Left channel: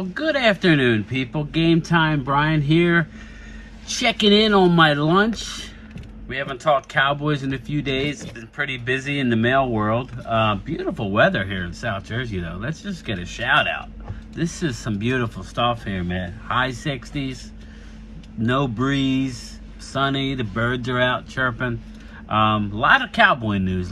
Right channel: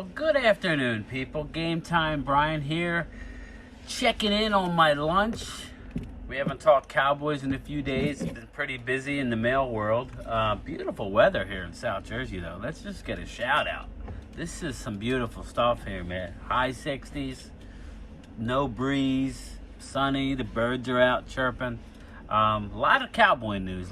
Well, good afternoon, people. Game time, Brian here. Checking in on my lunch. We haven't talked Cowboys in a few days. It's been pretty busy in the mail world. Beautiful weather here in South Jersey, though. Let's just get a shout out. This is some beautiful stuff here, man. High 60s, no breeze, sunny. The birds are out chirping. A lot of cowboy news.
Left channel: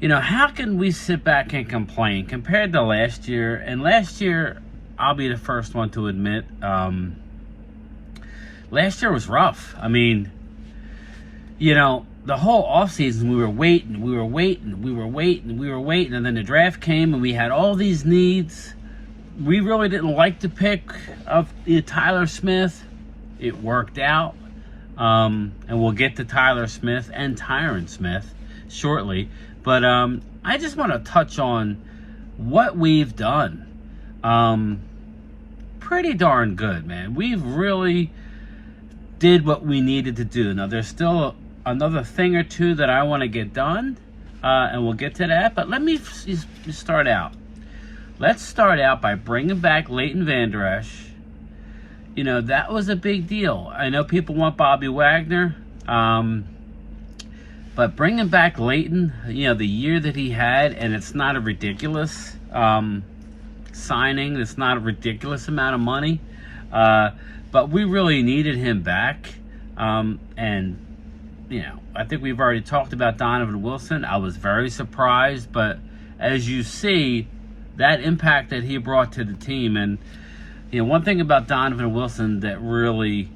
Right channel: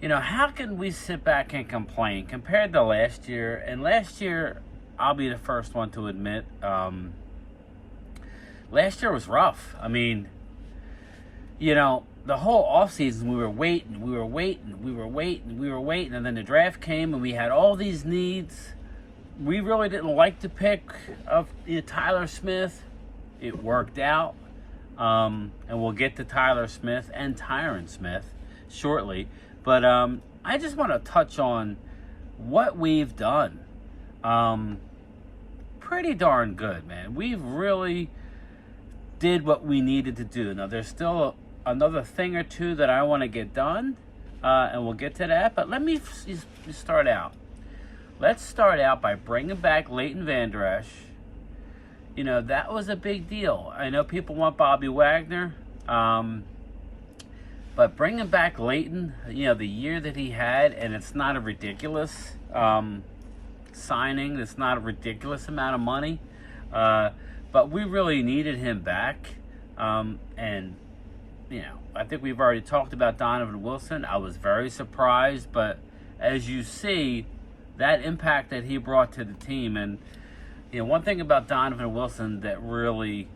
You know, how can we sit back and complain compared to last year? And last year, I'll be the first one to admit, last year was rough. I mean, you know, the whole offseason, we were waiting, and then the draft came, and we had all these needs. We really didn't like the pick of Tyler Smith. It worked out, and we'll get to Tyler Smith and Tyron Smith shortly. But I just want to touch on what we've done. Pretty darn good, man. We've really did what we needed to do. Now, there's still another thing or two that I want to get done, and we'll get to that. But let me start out. Let's start out by bringing back Leighton Vander Esch. You know, that was a big deal. I know people want Bobby Wagner. But bringing back Leighton, you know, the year that he had, and it's not a ridiculous signing. It's not a ridiculous amount of money. But we really needed him back. And, you know, I think we've already talked about Donovan Wilson. I was very surprised. But as you see, that impact that he brought to the team. And, you know, one thing about Donovan Wilson that really...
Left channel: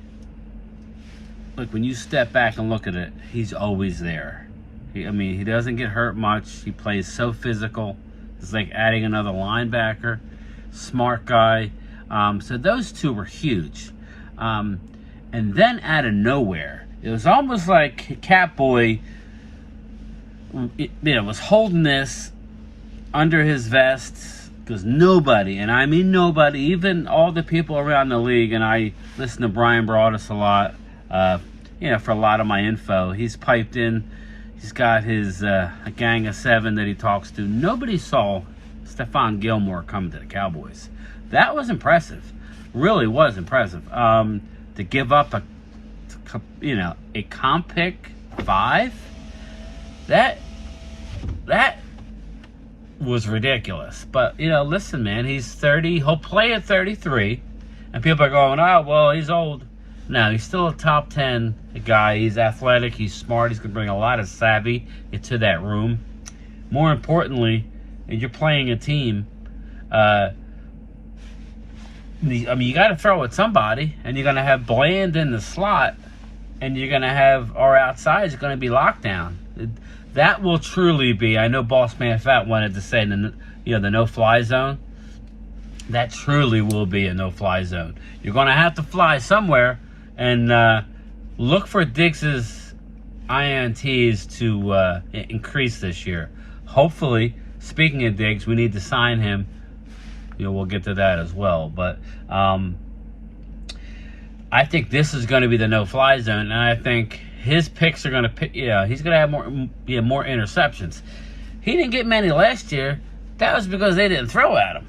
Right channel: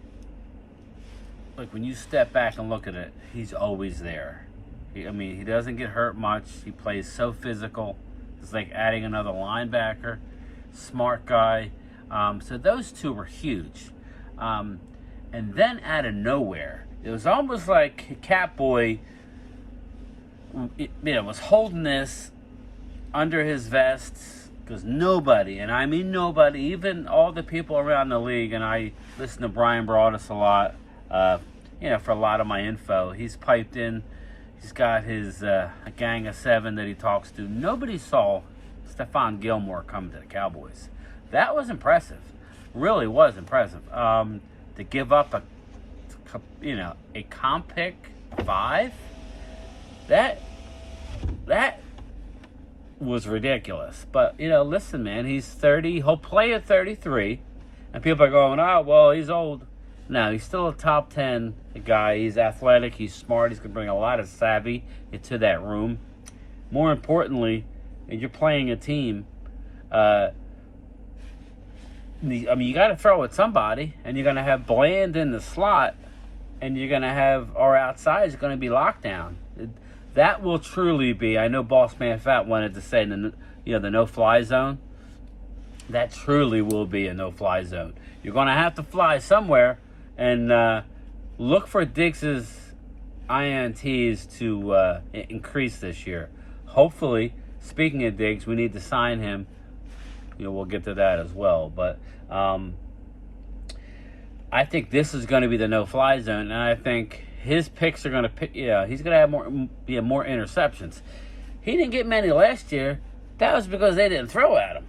Look, when you step back and look at it, he's always there. He doesn't get hurt much. He plays so physical. It's like adding another linebacker. Smart guy. So those two were huge. And then out of nowhere, it was almost like Catboy, was holding this under his vest because nobody, and I mean nobody, even all the people around the league, and I listen to Brian Broaddus a lot. For a lot of my info, he's piped in. He's got his a gang of 7 that he talks to. Nobody saw Stephon Gilmore coming to the Cowboys. That was impressive. Really was impressive. To give up a comp pick 5, that was ridiculous. But listen, man, he's 30. He'll play at 33, and people are going, "Oh, well, he's old." No, he's still a top 10 guy. He's athletic. He's smart. He's going to bring a lot of savvy into that room. More importantly, and you're playing a team, you got to throw at somebody, and you're going to have Bland in the slot, and you're going to have our outside is going to be locked down. That will truly be, I know Boss Man Fat wanted to say, the no-fly zone. That truly will be a no-fly zone. You're going to have to fly somewhere. And look for Diggs' INTs to increase this year. Hopefully, speaking of Diggs, we need to sign him. We'll get to that as well. But I think this is going to be the no-fly zone, and I think his picks are going to he's going to have more interceptions. He didn't get many last year. That was because they didn't throw at him.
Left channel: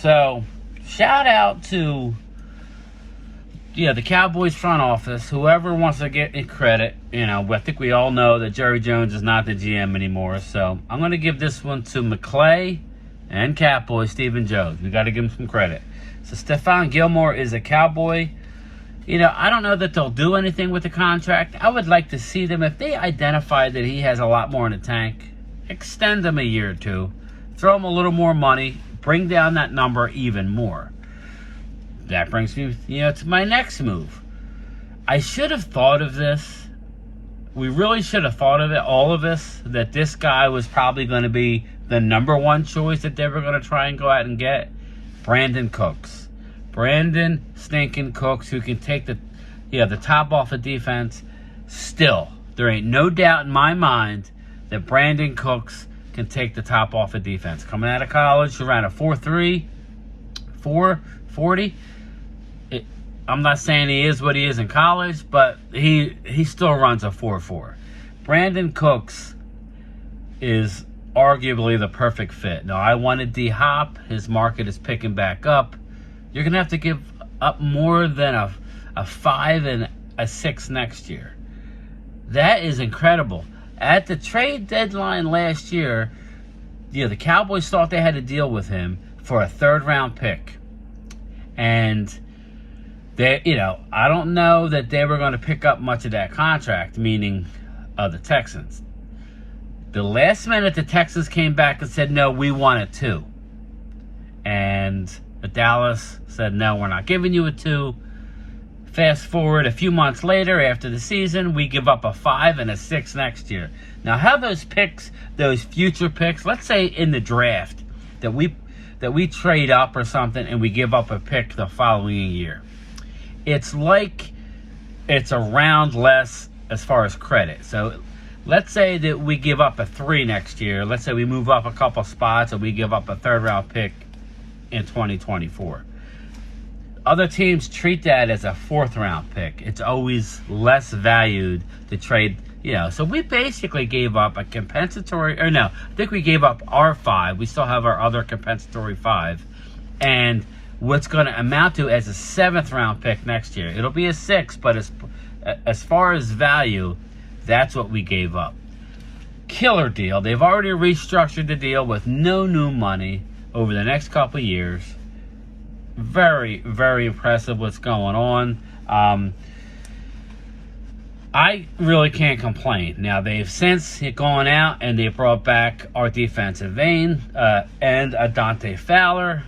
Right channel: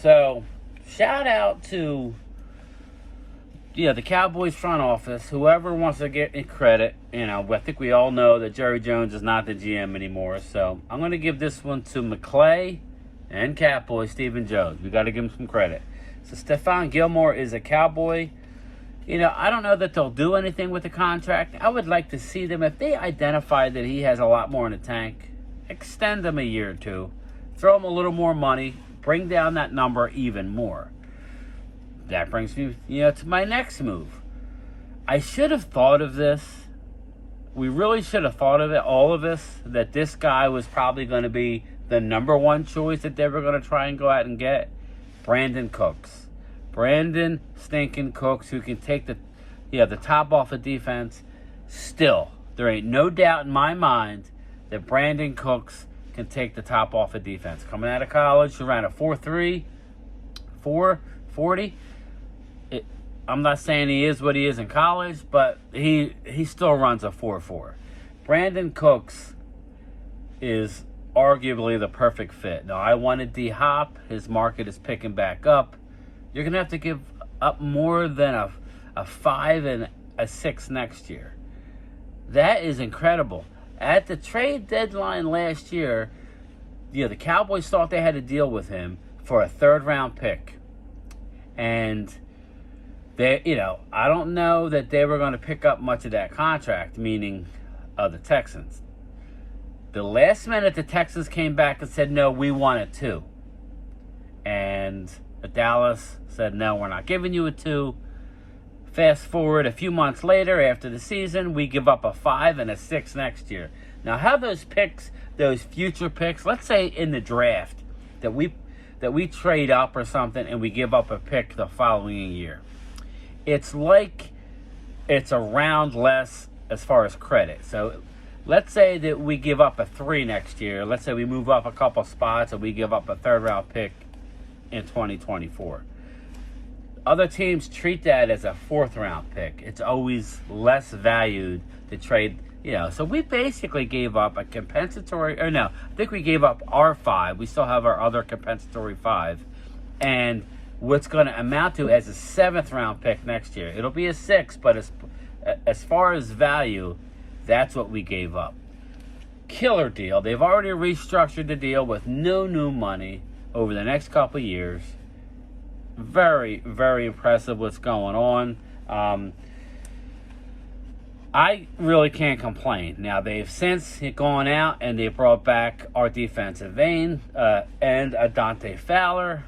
So, shout out to the Cowboys front office, whoever wants to get credit. I think we all know that Jerry Jones is not the GM anymore. So I'm going to give this one to McClay and Catboy Stephen Jones. We got to give him some credit. So Stephon Gilmore is a Cowboy. I don't know that they'll do anything with the contract. I would like to see them, if they identify that he has a lot more in the tank, extend him a year or two, throw him a little more money, bring down that number even more. That brings me, to my next move. I should have thought of this. We really should have thought of it, all of us, that this guy was probably going to be the number one choice that they were going to try and go out and get. Brandon Cooks. Brandon stinking Cooks, who can take the top off of defense. Still, there ain't no doubt in my mind that Brandon Cooks can take the top off of defense. Coming out of college, he ran a 4.3, 4.40. I'm not saying he is what he is in college, but he still runs a 4.4. Brandon Cooks is arguably the perfect fit. Now, I wanted D-Hop. His market is picking back up. You're going to have to give up more than a 5 and a 6 next year. That is incredible. At the trade deadline last year, the Cowboys thought they had to deal with him for a 3rd-round pick. And they, I don't know that they were going to pick up much of that contract, meaning the Texans. The last minute, the Texans came back and said, no, we want it too. And Dallas said, no, we're not giving you a 2. Fast forward a few months later, after the season, we give up a 5 and a 6 next year. Now, how those picks, those future picks, let's say in the draft, that we trade up or something and we give up a pick the following year. It's like it's a round less as far as credit. So let's say that we give up a 3 next year. Let's say we move up a couple spots and we give up a 3rd-round pick in 2024. Other teams treat that as a 4th-round pick. It's always less valued to trade, So we basically gave up a compensatory, or no, I think we gave up our 5. We still have our other compensatory 5. And what's going to amount to as a 7th-round pick next year. It'll be a 6, but as far as value, that's what we gave up. Killer deal. They've already restructured the deal with no new money over the next couple of years. Very, very impressive what's going on. I really can't complain. Now, they've since gone out and they brought back our defensive end and Dante Fowler.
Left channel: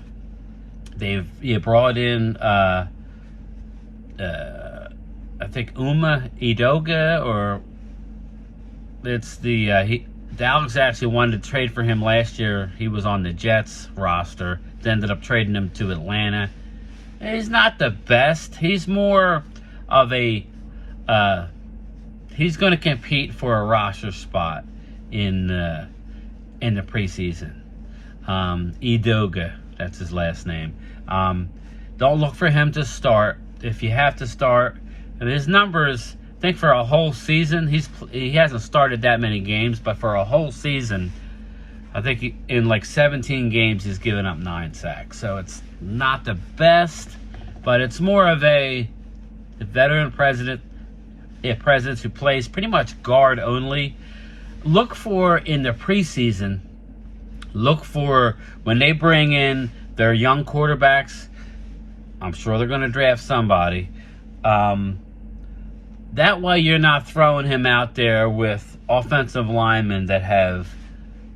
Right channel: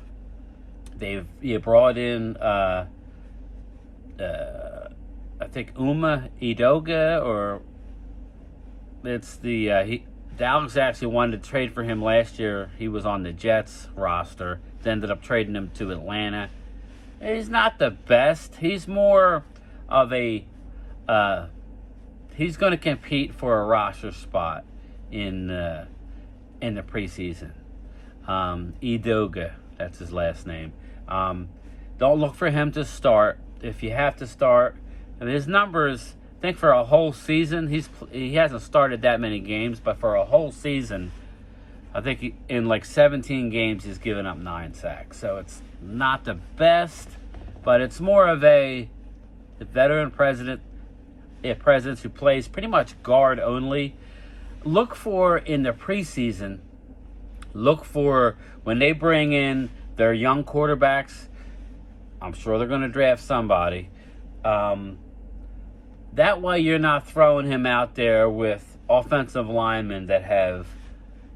They've brought in, I think, Uma Idoga, or it's Dallas actually wanted to trade for him last year. He was on the Jets roster. They ended up trading him to Atlanta. He's not the best. He's more of a, he's going to compete for a roster spot in the preseason. Idoga, that's his last name. Don't look for him to start. If you have to start, and his numbers, I think for a whole season, he hasn't started that many games, but for a whole season, I think in like 17 games, he's given up 9 sacks. So it's not the best, but it's more of a veteran presence who plays pretty much guard only. Look for in the preseason, when they bring in their young quarterbacks. I'm sure they're going to draft somebody. That way you're not throwing him out there with offensive linemen that have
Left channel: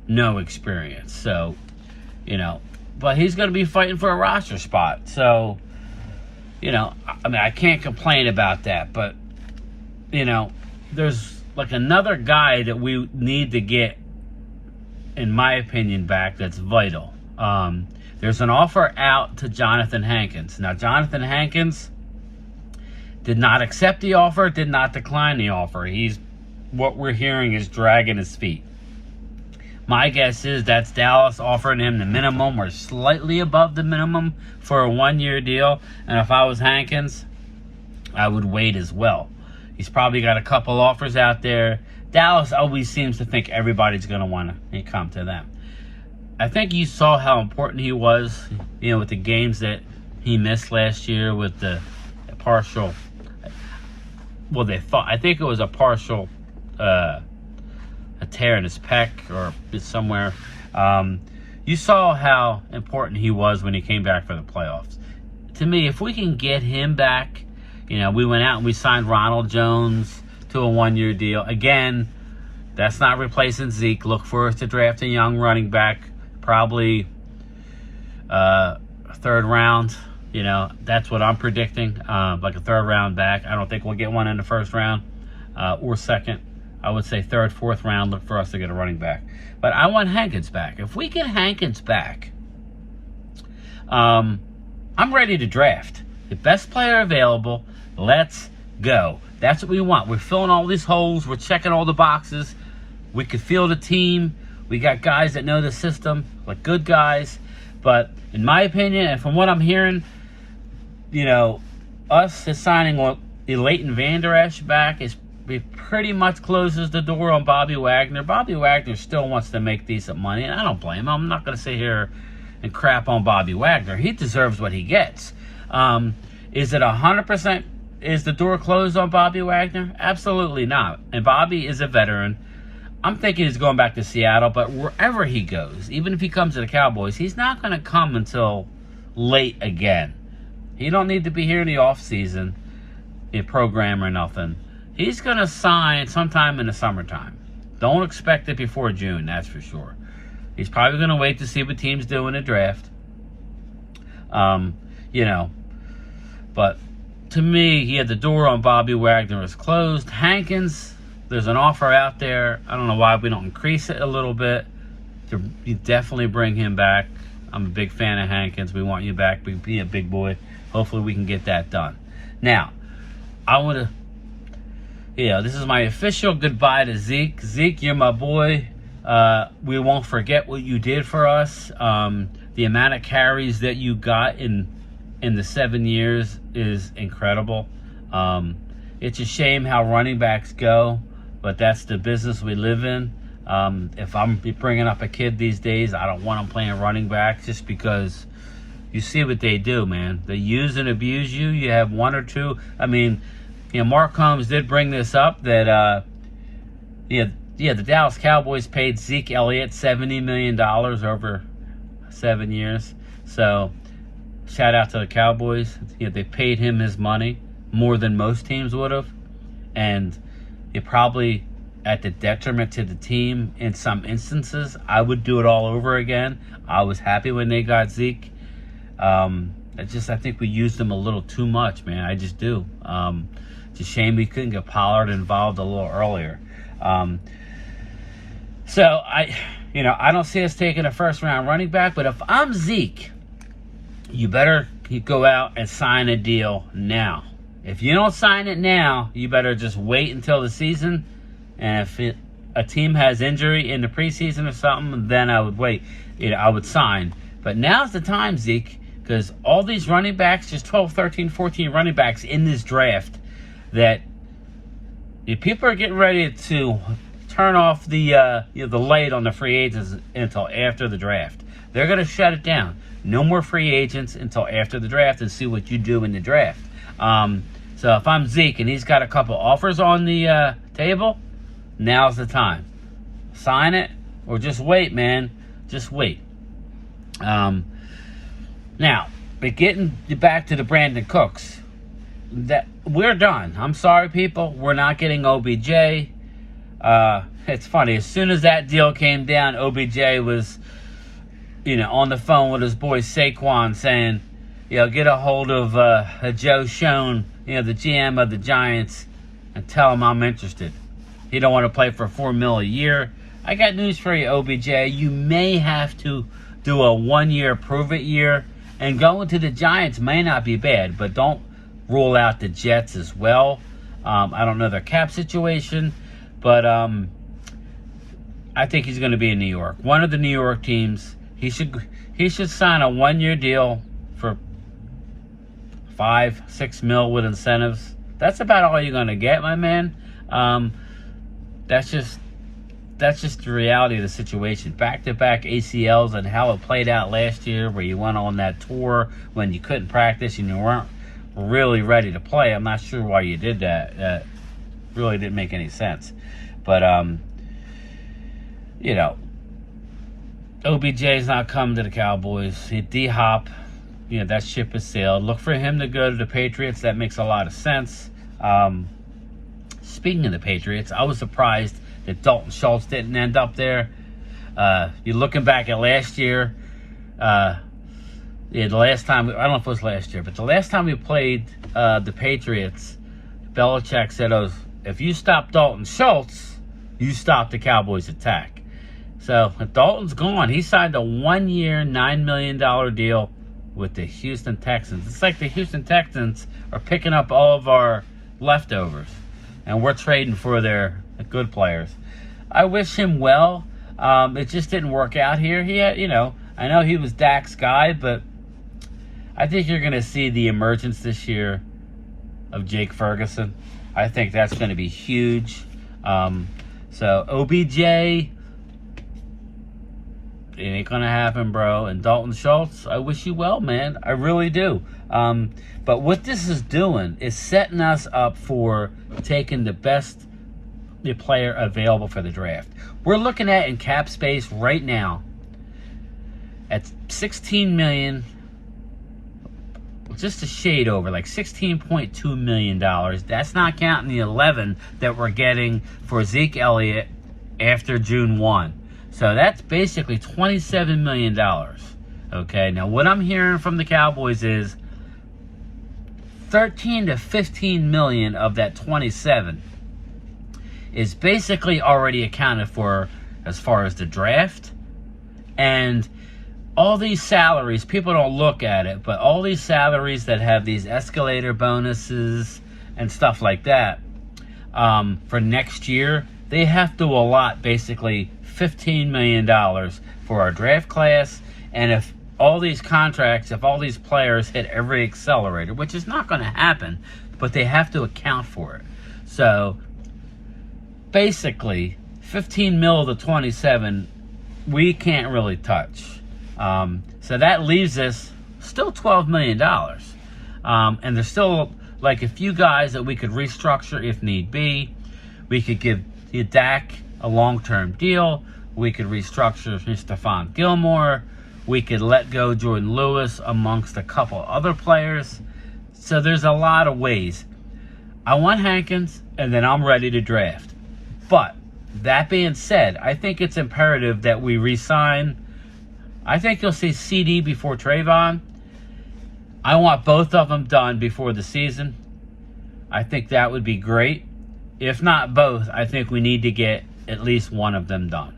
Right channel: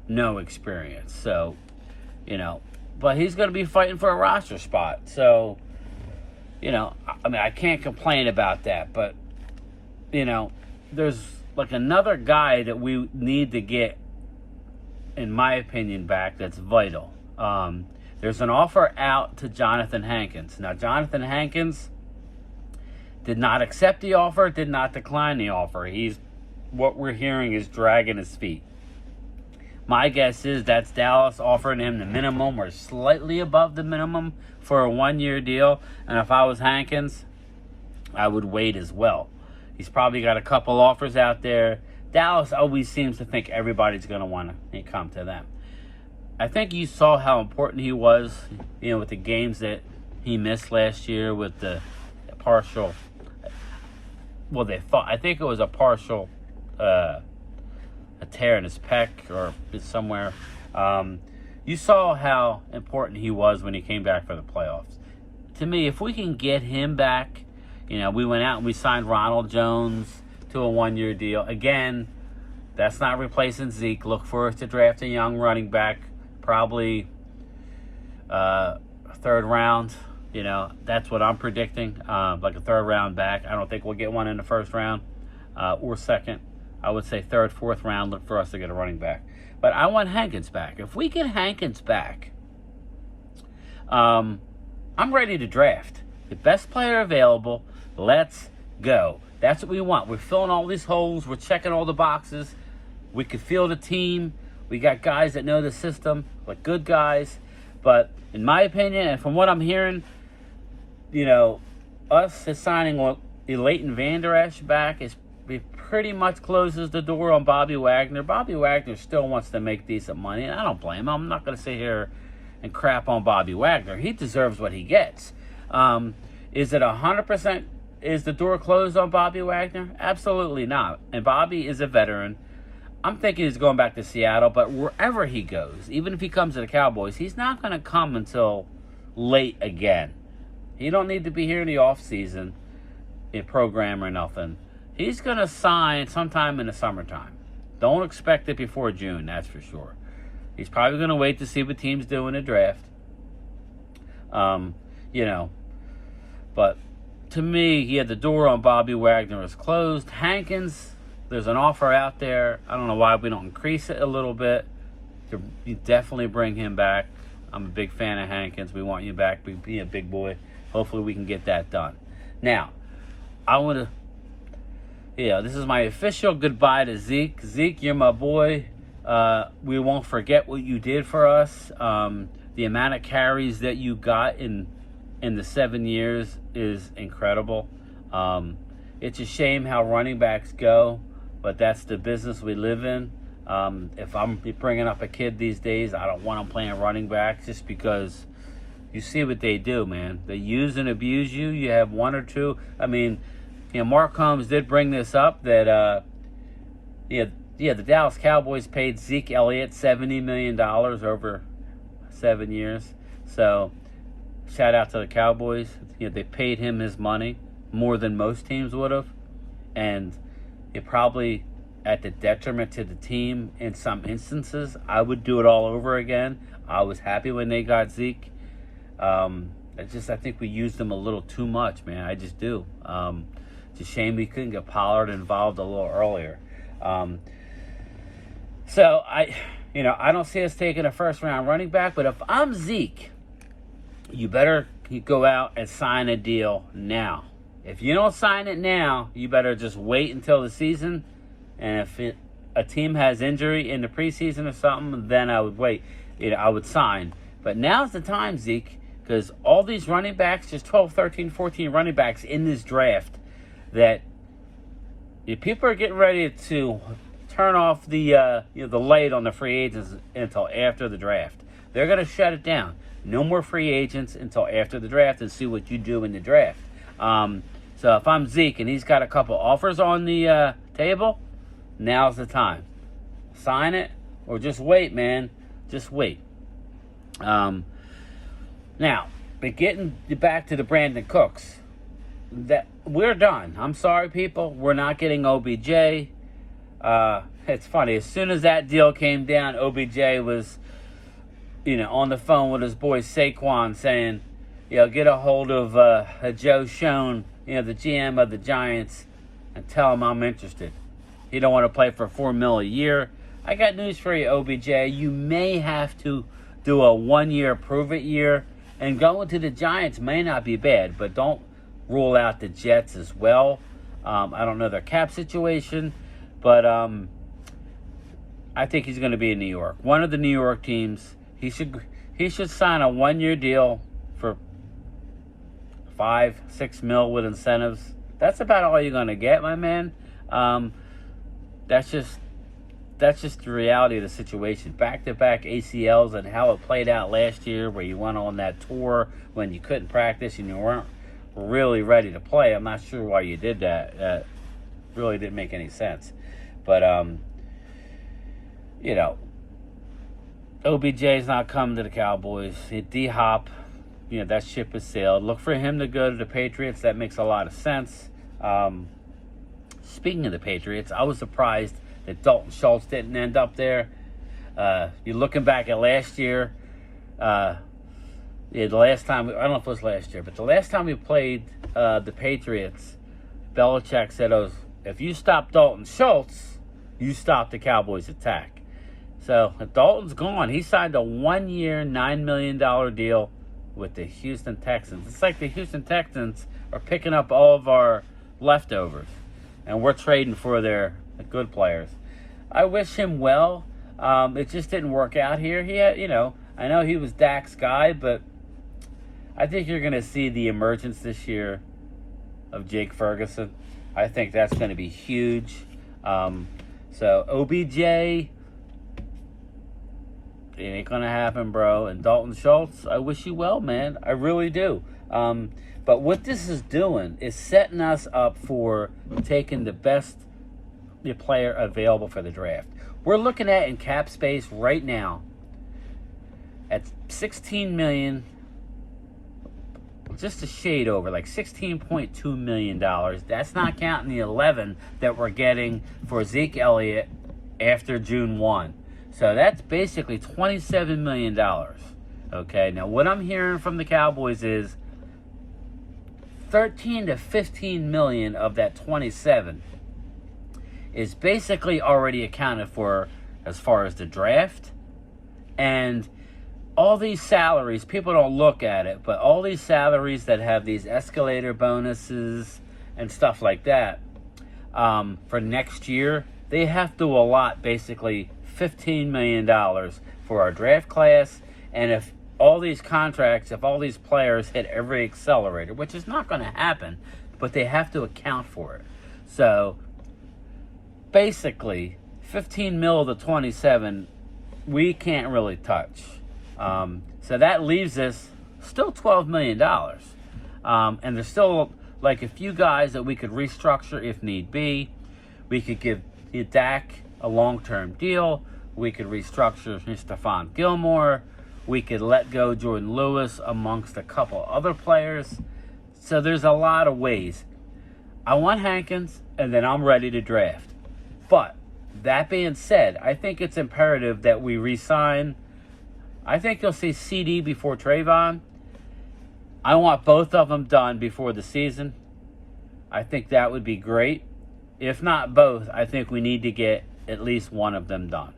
no experience. So, but he's going to be fighting for a roster spot. So, I can't complain about that. But, there's like another guy that we need to get, in my opinion, back that's vital. There's an offer out to Jonathan Hankins. Now, Jonathan Hankins did not accept the offer, did not decline the offer. What we're hearing is dragging his feet. My guess is that's Dallas offering him the minimum or slightly above the minimum for a 1-year deal. And if I was Hankins, I would wait as well. He's probably got a couple offers out there. Dallas always seems to think everybody's going to want to come to them. I think you saw how important he was, with the games that he missed last year with the partial. Well, I think it was a partial a tear in his pec or somewhere. You saw how important he was when he came back for the playoffs. To me, if we can get him back, we went out and we signed Ronald Jones to a 1-year deal. Again, that's not replacing Zeke. Look for us to draft a young running back, probably 3rd round. That's what I'm predicting, like a 3rd round back. I don't think we'll get one in the 1st round or 2nd. I would say 3rd, 4th round, look for us to get a running back. But I want Hankins back. If we get Hankins back, I'm ready to draft. The best player available, let's go. That's what we want. We're filling all these holes. We're checking all the boxes. We could field a team. We got guys that know the system, like good guys. But in my opinion, and from what I'm hearing, us signing Leighton Vander Esch back is pretty much closes the door on Bobby Wagner. Bobby Wagner still wants to make decent money, and I don't blame him. I'm not going to sit here and crap on Bobby Wagner. He deserves what he gets. Is it 100%? Is the door closed on Bobby Wagner? Absolutely not. And Bobby is a veteran. I'm thinking he's going back to Seattle, but wherever he goes, even if he comes to the Cowboys, he's not going to come until late again. He don't need to be here in the offseason, a program or nothing. He's going to sign sometime in the summertime. Don't expect it before June, that's for sure. He's probably going to wait to see what teams do in the draft. But to me, the door on Bobby Wagner is closed. Hankins, there's an offer out there. I don't know why we don't increase it a little bit. You definitely bring him back. I'm a big fan of Hankins. We want you back. Be a big boy. Hopefully we can get that done. Now, I want to, this is my official goodbye to Zeke. Zeke, you're my boy. We won't forget what you did for us. The amount of carries that you got in the 7 years is incredible. It's a shame how running backs go, but that's the business we live in. If I'm bringing up a kid these days, I don't want him playing running back just because you see what they do, man. They use and abuse you. You have one or two. I mean, Mark Holmes did bring this up that, the Dallas Cowboys paid Zeke Elliott $70 million over 7 years. So, shout out to the Cowboys. They paid him his money more than most teams would have. And it probably at the detriment to the team in some instances. I would do it all over again. I was happy when they got Zeke. I think we used them a little too much, man. I just do. It's a shame we couldn't get Pollard involved a little earlier. So I don't see us taking a first-round running back, but if I'm Zeke, you better go out and sign a deal now. If you don't sign it now, you better just wait until the season. And if a team has injury in the preseason or something, then I would wait. I would sign. But now's the time, Zeke, because all these running backs, just 12, 13, 14 running backs in this draft, that people are getting ready to turn off the light on the free agents until after the draft. They're going to shut it down. No more free agents until after the draft and see what you do in the draft. So if I'm Zeke and he's got a couple offers on the table, now's the time. Sign it or just wait, man. Just wait. Now, but getting back to the Brandon Cooks, that we're done. I'm sorry, people. We're not getting OBJ. It's funny. As soon as that deal came down, OBJ was, on the phone with his boy Saquon saying, get a hold of Joe Schoen, the GM of the Giants, and tell him I'm interested. He don't want to play for $4 million a year. I got news for you, OBJ. You may have to do a 1-year prove-it year, and going to the Giants may not be bad, but don't rule out the Jets as well. I don't know their cap situation, but I think he's going to be in New York. One of the New York teams. He should sign a 1-year deal for $5-6 million with incentives. That's about all you're going to get, my man. That's just the reality of the situation. Back-to-back ACLs and how it played out last year, where you went on that tour when you couldn't practice and you weren't really ready to play. I'm not sure why you did that. Really didn't make any sense. But OBJ's not coming to the Cowboys. D-Hop, that ship has sailed. Look for him to go to the Patriots. That makes a lot of sense. Speaking of the Patriots, I was surprised that Dalton Schultz didn't end up there. You're looking back at last year. The last time, I don't know if it was last year, but the last time we played the Patriots, Belichick said, if you stop Dalton Schultz, you stop the Cowboys' attack. So if Dalton's gone, he signed a 1-year, $9 million deal with the Houston Texans. It's like the Houston Texans are picking up all of our leftovers, and we're trading for their good players. I wish him well. It just didn't work out here. He had, I know he was Dak's guy, but I think you're going to see the emergence this year of Jake Ferguson. I think that's going to be huge. So OBJ, it ain't going to happen, bro. And Dalton Schultz, I wish you well, man. I really do. But what this is doing is setting us up for taking the best player available for the draft. We're looking at in cap space right now at $16 million, just a shade over, like $16.2 million. That's not counting the 11 that we're getting for Zeke Elliott after June 1. So that's basically $27 million. Okay, now what I'm hearing from the Cowboys is 13 to 15 million of that 27 is basically already accounted for as far as the draft. And all these salaries, people don't look at it, but all these salaries that have these escalator bonuses and stuff like that, for next year, they have to allot basically $15 million for our draft class. And if all these contracts, if all these players hit every accelerator, which is not going to happen, but they have to account for it. So basically, 15 mil to 27, we can't really touch. So that leaves us still $12 million. And there's still like a few guys that we could restructure if need be. We could give Dak a long-term deal. We could restructure Stephon Gilmore. We could let go Jordan Lewis amongst a couple other players. So there's a lot of ways. I want Hankins, and then I'm ready to draft. But that being said, I think it's imperative that we re-sign. I think you'll see CD before Trayvon. I want both of them done before the season. I think that would be great. If not both, I think we need to get at least one of them done.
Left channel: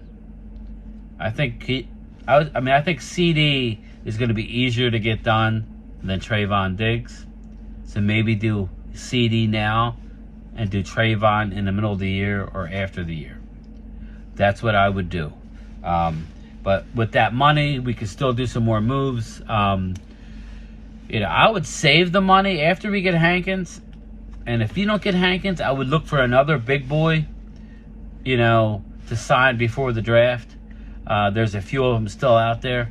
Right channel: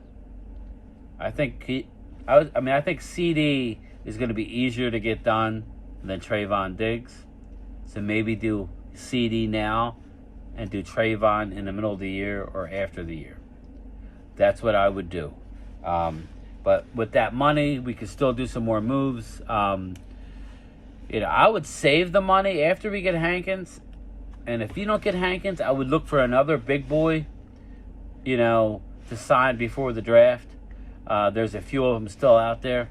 I think I think CD is going to be easier to get done than Trayvon Diggs. So maybe do CD now and do Trayvon in the middle of the year or after the year. That's what I would do. But with that money, we could still do some more moves. I would save the money after we get Hankins. And if you don't get Hankins, I would look for another big boy, to sign before the draft. There's a few of them still out there.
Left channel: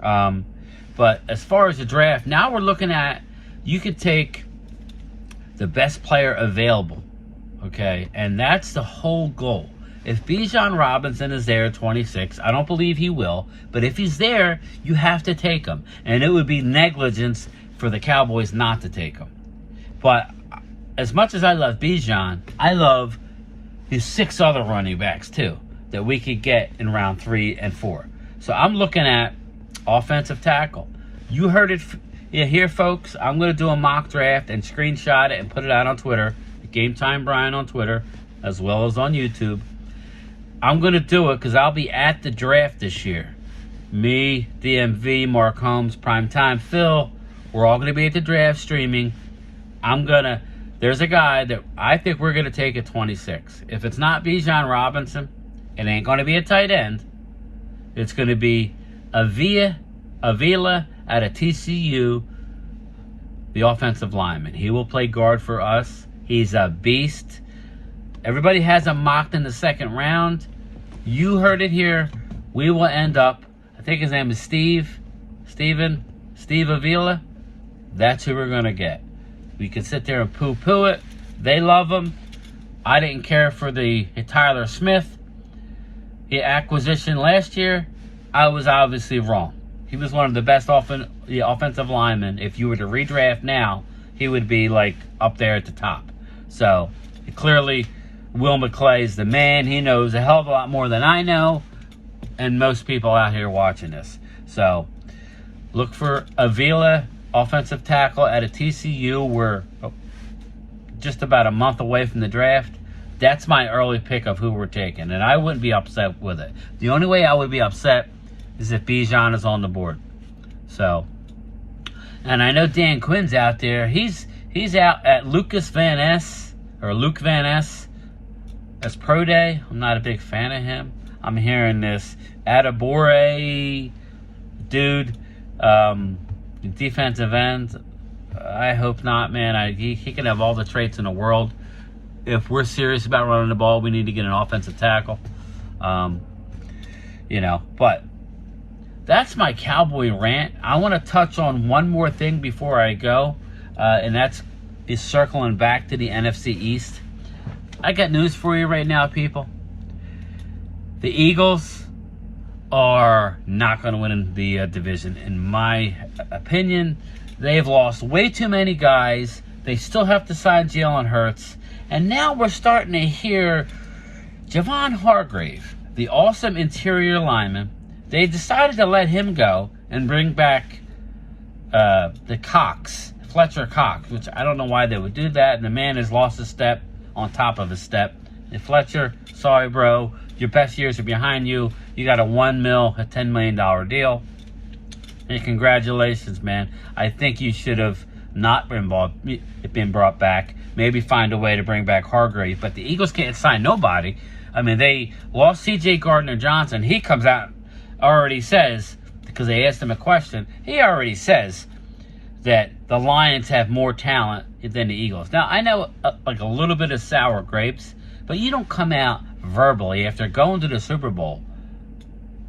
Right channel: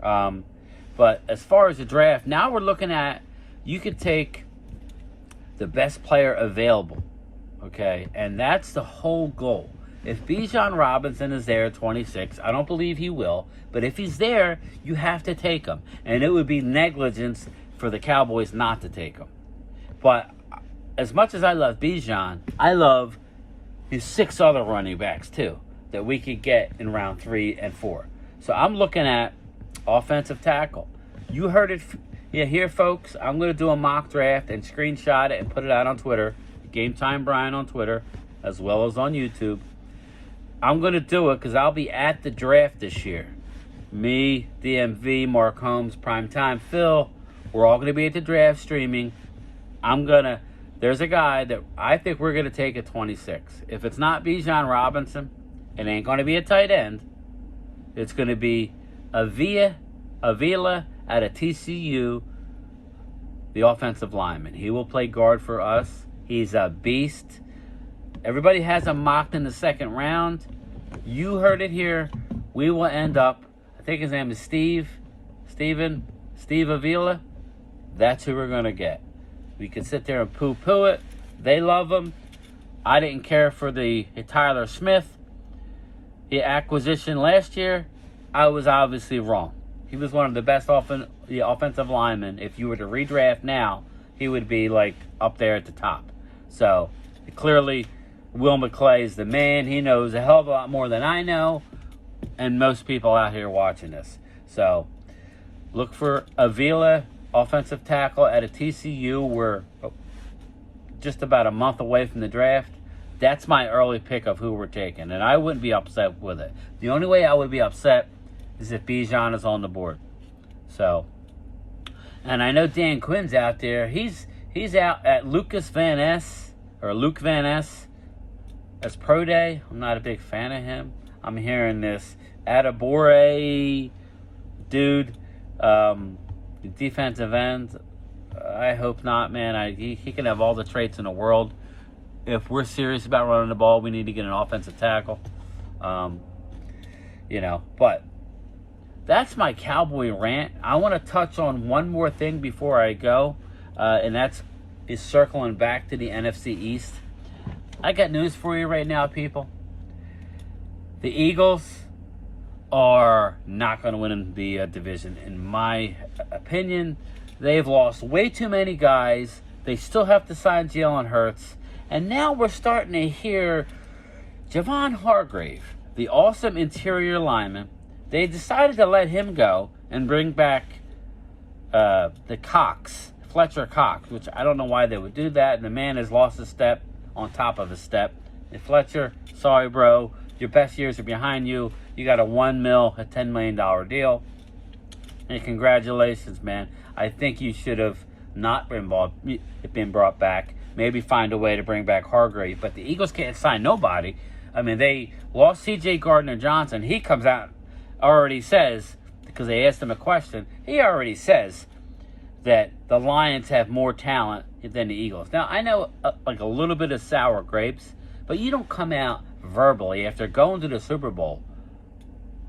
But as far as the draft, now we're looking at, you could take the best player available, okay? And that's the whole goal. If Bijan Robinson is there at 26, I don't believe he will, but if he's there, you have to take him. And it would be negligence for the Cowboys not to take him. But as much as I love Bijan, I love his 6 other running backs too that we could get in round 3 and 4. So I'm looking at offensive tackle. You heard it here, folks. I'm going to do a mock draft and screenshot it and put it out on Twitter. Gametime Brian on Twitter, as well as on YouTube. I'm going to do it because I'll be at the draft this year. Me, DMV, Mark Holmes, Primetime Phil, we're all going to be at the draft streaming. There's a guy that I think we're going to take at 26. If it's not Bijan Robinson, it ain't going to be a tight end. It's going to be Avila out of TCU, the offensive lineman. He will play guard for us. He's a beast. Everybody has him mocked in the second round. You heard it here. We will end up, I think his name is Steve Avila. That's who we're going to get. We can sit there and poo-poo it. They love him. I didn't care for the Tyler Smith acquisition last year. I was obviously wrong. He was one of the best offensive linemen. If you were to redraft now, he would be like up there at the top. So clearly, Will McClay is the man. He knows a hell of a lot more than I know, and most people out here watching this. So look for Avila, offensive tackle at a TCU. We're just about a month away from the draft. That's my early pick of who we're taking, and I wouldn't be upset with it. The only way I would be upset is if Bijan is on the board. So, and I know Dan Quinn's out there. He's out at Luke Van Ness as pro day. I'm not a big fan of him. I'm hearing this Adebore dude, defensive end. I hope not, man. He can have all the traits in the world. if we're serious about running the ball, we need to get an offensive tackle. But that's my Cowboy rant. I want to touch on one more thing before I go, and that's circling back to the NFC East. I got news for you right now, people. The Eagles are not going to win the division. In my opinion, they've lost way too many guys. They still have to sign Jalen Hurts. And now we're starting to hear Javon Hargrave, the awesome interior lineman, they decided to let him go and bring back Fletcher Cox, which I don't know why they would do that. And the man has lost a step on top of a step. And Fletcher, sorry, bro. Your best years are behind you. You got a $10 million deal. And congratulations, man. I think you should have not been brought back. Maybe find a way to bring back Hargrave. But the Eagles can't sign nobody. I mean, they lost C.J. Gardner-Johnson. He comes out, already says, because they asked him a question, he already says that the Lions have more talent than the Eagles. Now, I know like a little bit of sour grapes, but you don't come out verbally after going to the Super Bowl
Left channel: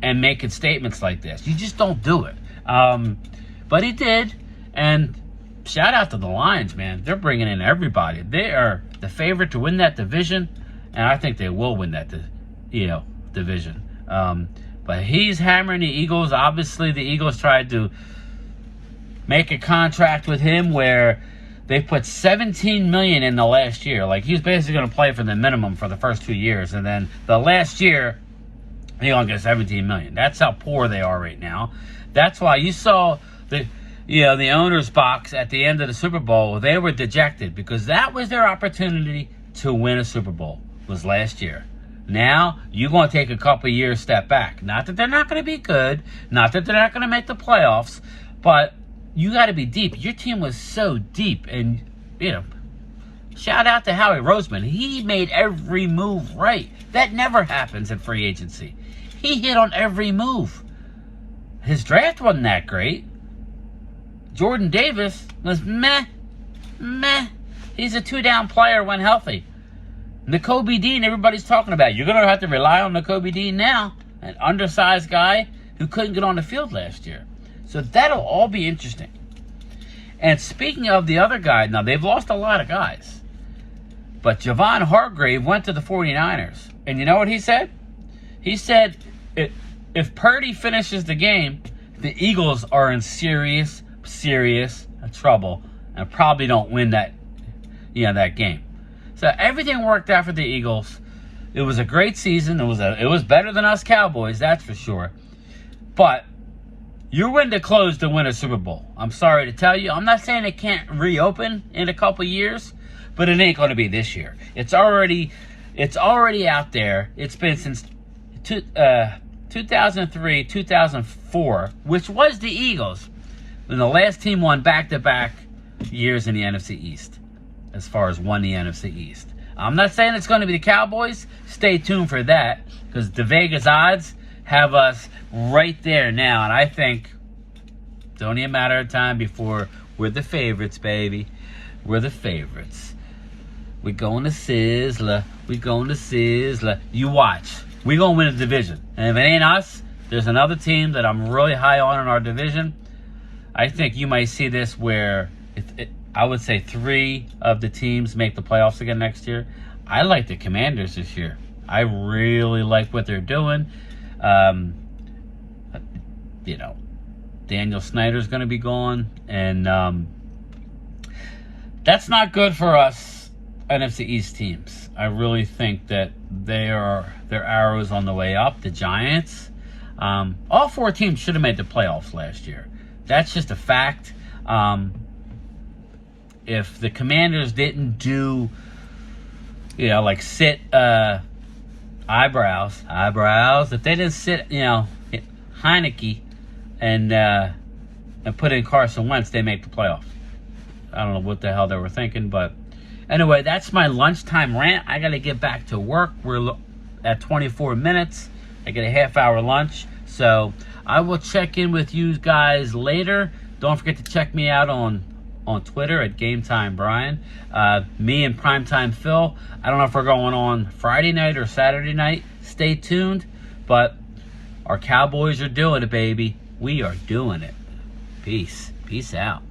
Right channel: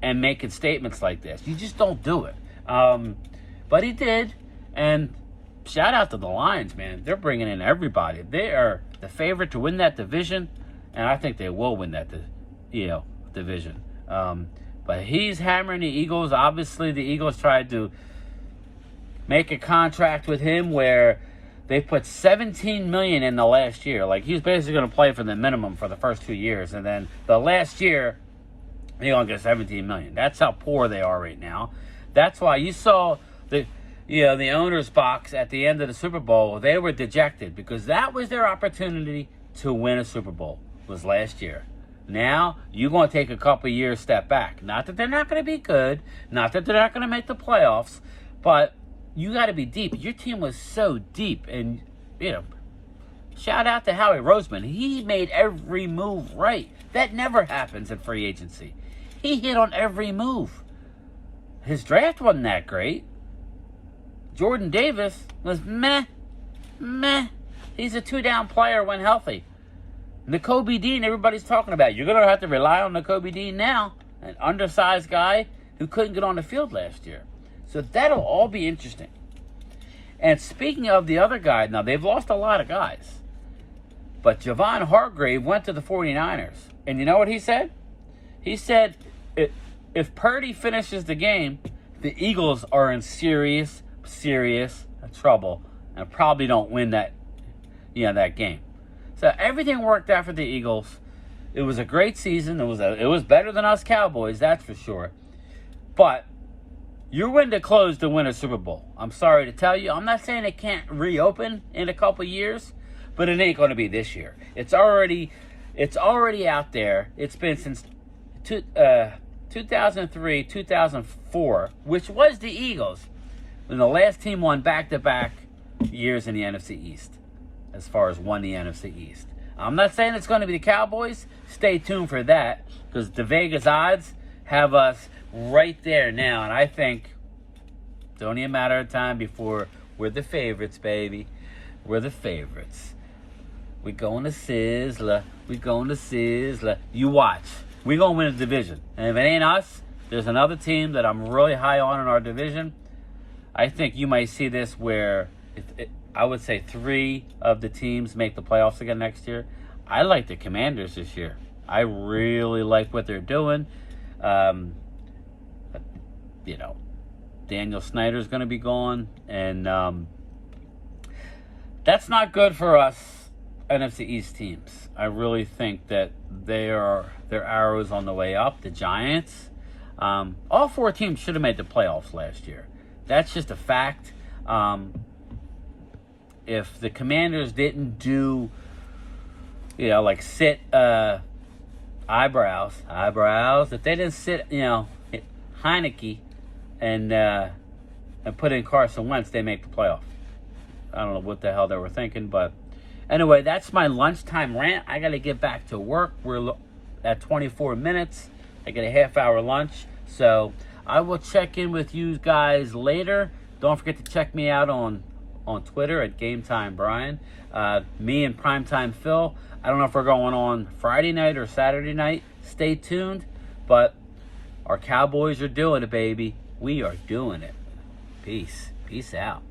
and making statements like this. You just don't do it. But he did, and shout out to the Lions, man. They're bringing in everybody. They are the favorite to win that division, and I think they will win that division. But he's hammering the Eagles. Obviously, the Eagles tried to make a contract with him where they put $17 million in the last year. Like, he's basically going to play for the minimum for the first 2 years. And then the last year, he only gets $17 million. That's how poor they are right now. That's why you saw the owner's box at the end of the Super Bowl. They were dejected because that was their opportunity to win a Super Bowl, was last year. Now, you're going to take a couple of years step back. Not that they're not going to be good. Not that they're not going to make the playoffs. But you got to be deep. Your team was so deep. And, shout out to Howie Roseman. He made every move right. That never happens in free agency. He hit on every move. His draft wasn't that great. Jordan Davis was meh. He's a two-down player when healthy. Nakobe Dean, everybody's talking about. You're going to have to rely on Nakobe Dean now, an undersized guy who couldn't get on the field last year. So that'll all be interesting. And speaking of the other guy, now they've lost a lot of guys. But Javon Hargrave went to the 49ers. And you know what he said? He said, if Purdy finishes the game, the Eagles are in serious trouble and probably don't win that game. So everything worked out for the Eagles. It was a great season. It was better than us Cowboys, that's for sure. But you're winning to close to win a Super Bowl. I'm sorry to tell you. I'm not saying it can't reopen in a couple years, but it ain't going to be this year. It's already out there. It's been since 2003, 2004, which was the Eagles, when the last team won back-to-back years in the NFC East, as far as won the NFC East. I'm not saying it's going to be the Cowboys. Stay tuned for that, because the Vegas odds have us right there now, and I think it's only a matter of time before we're the favorites, baby. We're the favorites. We're going to Sizzler. We're going to Sizzler. You watch. We're going to win a division. And if it ain't us, there's another team that I'm really high on in our division. I think you might see this where I would say 3 of the teams make the playoffs again next year. I like the Commanders this year. I really like what they're doing. Daniel Snyder's going to be gone. And that's not good for us NFC East teams. I really think that their arrows on the way up. The Giants, all 4 teams should have made the playoffs last year. That's just a fact. If the Commanders didn't do, sit eyebrows, if they didn't sit, Heineke and put in Carson Wentz, they make the playoffs. I don't know what the hell they were thinking, but anyway, that's my lunchtime rant. I got to get back to work. We're at 24 minutes. I get a half-hour lunch. So I will check in with you guys later. Don't forget to check me out on on Twitter at Gametime Brian. Me and Primetime Phil. I don't know if we're going on Friday night or Saturday night. Stay tuned. But our Cowboys are doing it, baby. We are doing it. Peace. Peace out.